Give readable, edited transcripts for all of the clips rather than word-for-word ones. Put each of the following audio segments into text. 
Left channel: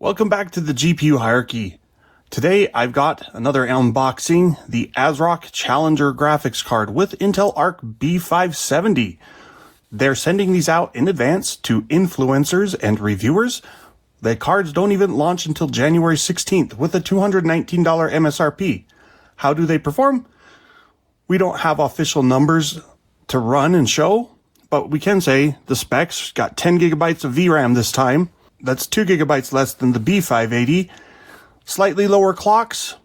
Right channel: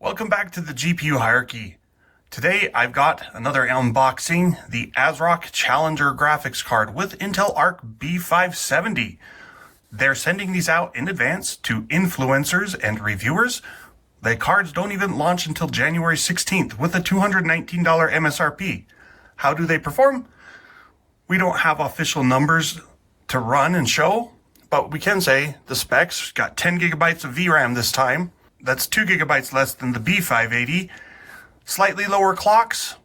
Welcome back to the GPU hierarchy. Today I've got another unboxing, the ASRock Challenger graphics card with Intel Arc B570. They're sending these out in advance to influencers and reviewers. The cards don't even launch until January 16th with a $219 MSRP. How do they perform? We don't have official numbers to run and show, but we can say the specs got 10 gigabytes of VRAM this time. That's 2 gigabytes less than the B580. Slightly lower clocks,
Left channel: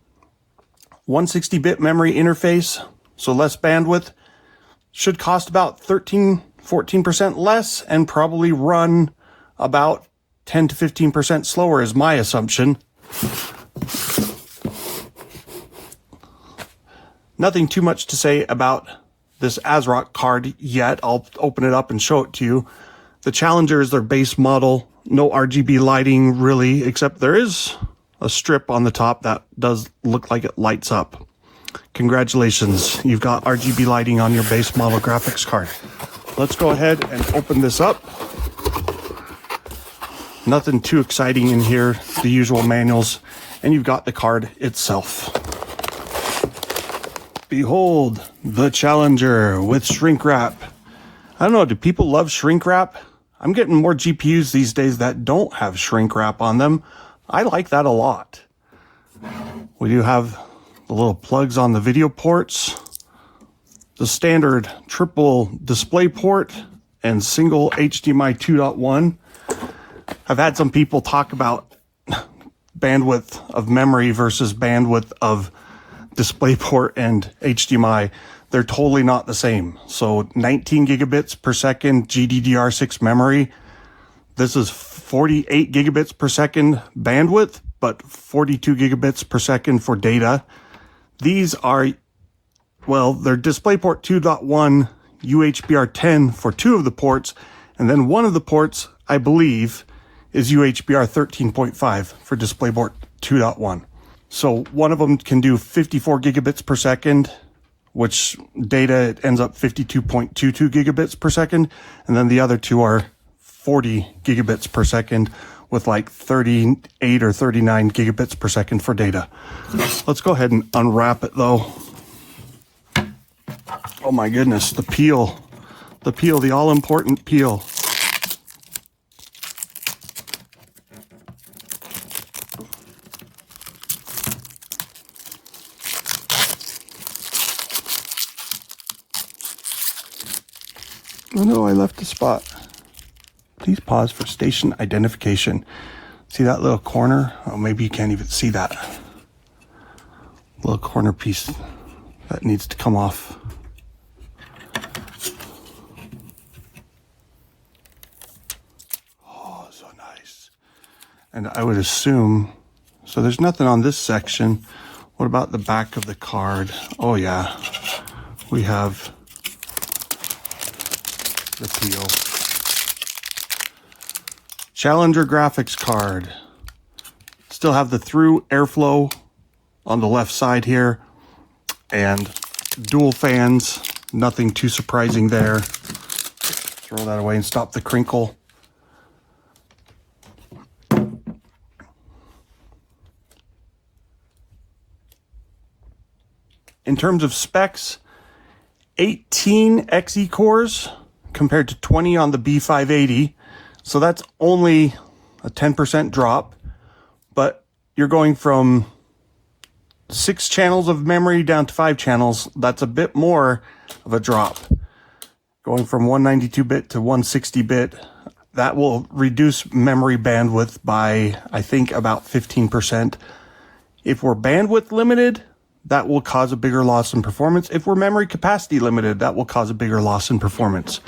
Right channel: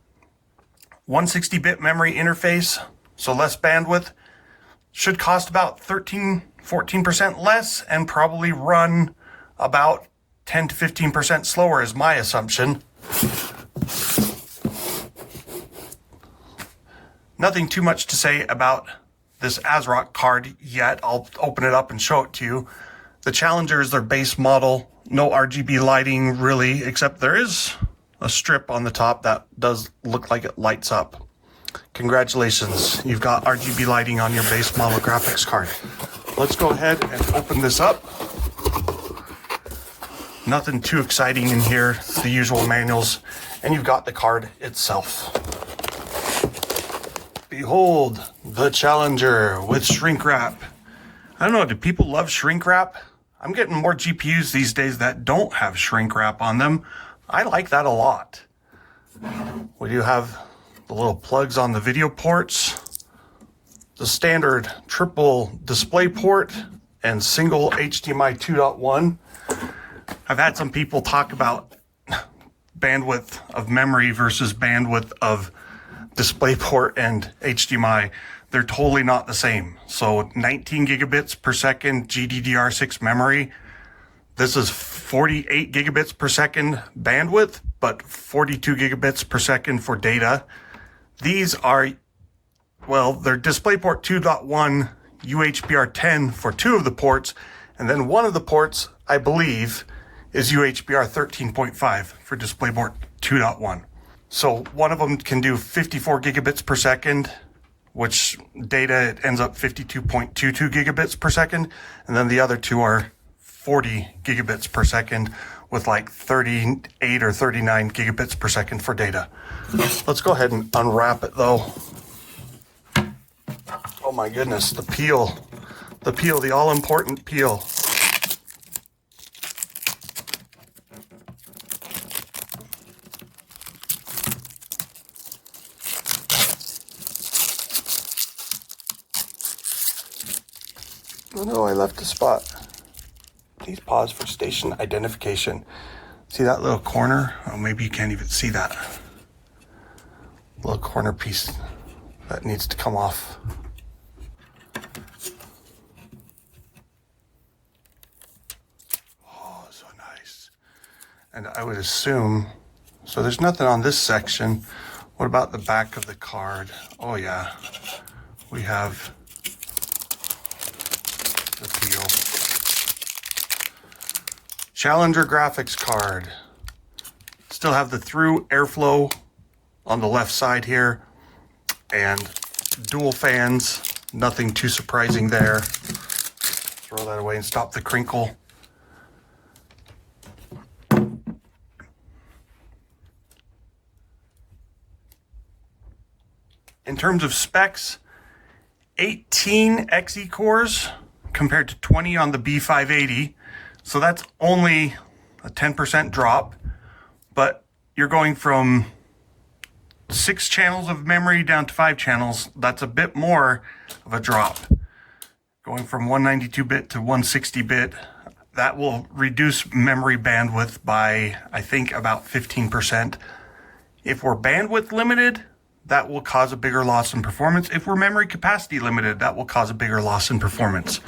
160-bit memory interface, so less bandwidth. Should cost about 14% less and probably run about 10 to 15% slower is my assumption. Nothing too much to say about this ASRock card yet. I'll open it up and show it to you. The Challenger is their base model. No RGB lighting really, except there is a strip on the top that does look like it lights up. Congratulations, you've got RGB lighting on your base model graphics card. Let's go ahead and open this up. Nothing too exciting in here, the usual manuals, and you've got the card itself. Behold, the Challenger with shrink wrap. I don't know, do people love shrink wrap? I'm getting more GPUs these days that don't have shrink wrap on them. I like that a lot. We do have the little plugs on the video ports, the standard triple display port, and single HDMI 2.1. I've had some people talk about bandwidth of memory versus bandwidth of DisplayPort and HDMI. They're totally not the same. So 19 gigabits per second GDDR6 memory. This is 48 gigabits per second bandwidth, but 42 gigabits per second for data. These are, well, they're DisplayPort 2.1 UHBR10 for two of the ports, and then one of the ports, I believe, is UHBR 13.5 for DisplayPort 2.1. So one of them can do 54 gigabits per second, which data ends up 52.22 gigabits per second. And then the other two are 40 gigabits per second with like 38 or 39 gigabits per second for data. Let's go ahead and unwrap it though. Oh my goodness, the peel, the all-important peel. Oh no, I left a spot. Please pause for station identification. See that little corner? Oh, maybe you can't even see that. Little corner piece that needs to come off. Oh, so nice. And I would assume, so there's nothing on this section. What about the back of the card? Oh yeah, we have the peel. Challenger graphics card. Still have the through airflow on the left side here, and dual fans. Nothing too surprising there. Throw that away and stop the crinkle. In terms of specs, 18 Xe cores compared to 20 on the B580. So that's only a 10% drop, but you're going from 6 channels of memory down to 5 channels. That's a bit more of a drop. Going from 192-bit to 160-bit, that will reduce memory bandwidth by, I think, about 15%. If we're bandwidth limited, that will cause a bigger loss in performance. If we're memory capacity limited, that will cause a bigger loss in performance.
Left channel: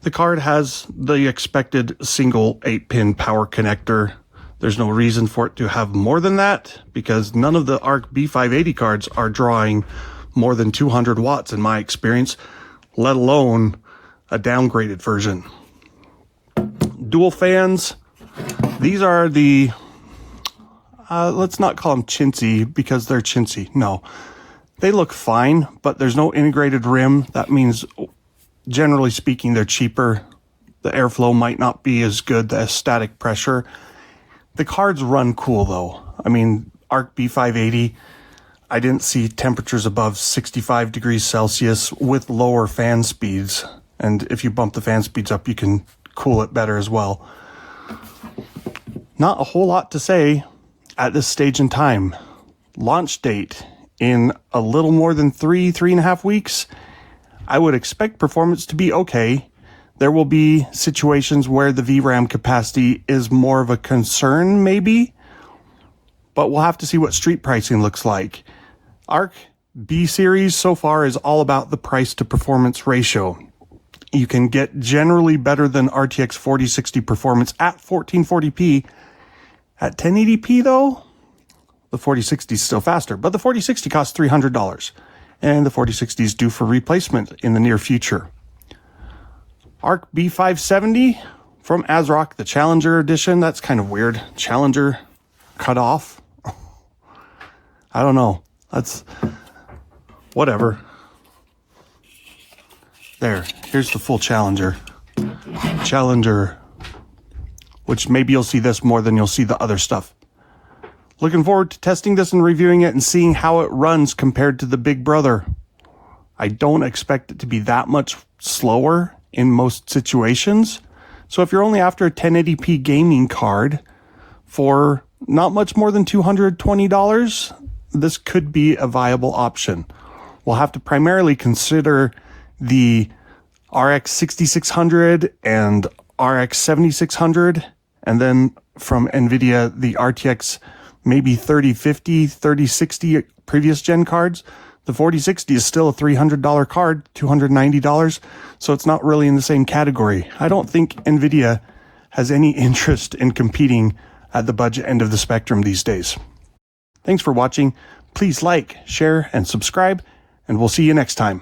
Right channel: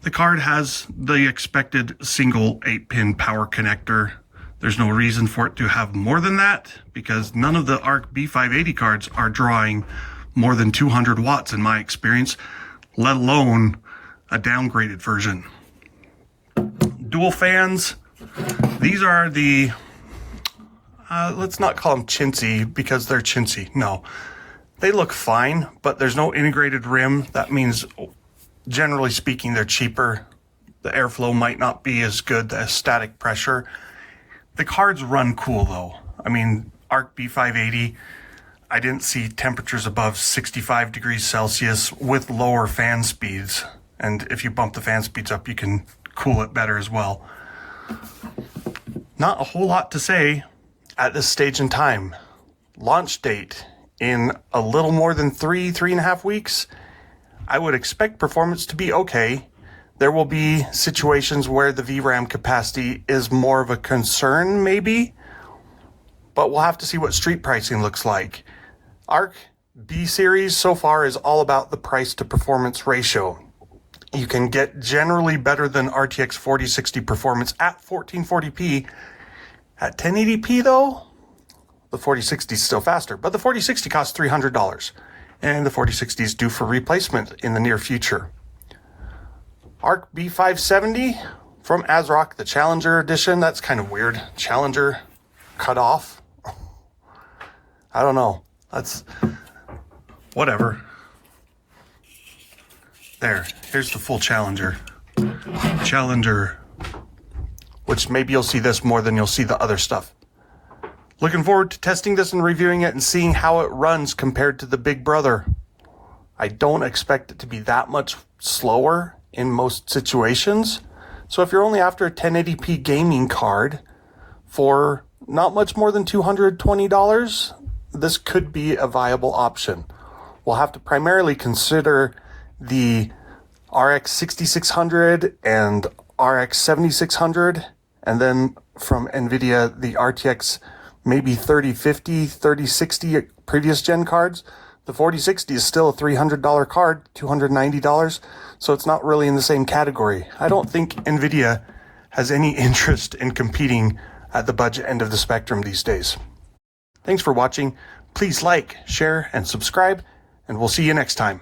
The card has the expected single 8-pin power connector. There's no reason for it to have more than that because none of the Arc B580 cards are drawing more than 200 watts in my experience, let alone a downgraded version. Dual fans. These are the let's not call them chintzy because they're chintzy. No, they look fine, but there's no integrated rim. That means, generally speaking, they're cheaper. The airflow might not be as good, the static pressure. The cards run cool though. I mean, Arc B570, I didn't see temperatures above 65 degrees Celsius with lower fan speeds. And if you bump the fan speeds up, you can cool it better as well. Not a whole lot to say at this stage in time. Launch date in a little more than 3.5 weeks. I would expect performance to be okay. There will be situations where the VRAM capacity is more of a concern maybe, but we'll have to see what street pricing looks like. Arc B series so far is all about the price to performance ratio. You can get generally better than RTX 4060 performance at 1440p. At 1080p though, the 4060 is still faster, but the 4060 costs $300, and the 4060 is due for replacement in the near future. Arc B570 from ASRock, the Challenger edition. That's kind of weird. Challenger cut off. I don't know. That's whatever. Here's the full Challenger. Challenger, which maybe you'll see this more than you'll see the other stuff. Looking forward to testing this and reviewing it and seeing how it runs compared to the big brother. I don't expect it to be that much slower in most situations. So if you're only after a 1080p gaming card for not much more than $220, this could be a viable option. We'll have to primarily consider the RX 6600 and RX 7600, and then from NVIDIA, the RTX maybe 3050, 3060 previous gen cards. The 4060 is still a $300 card, $290, so it's not really in the same category. I don't think NVIDIA has any interest in competing at the budget end of the spectrum these days. Thanks for watching. Please like, share, and subscribe, and we'll see you next time.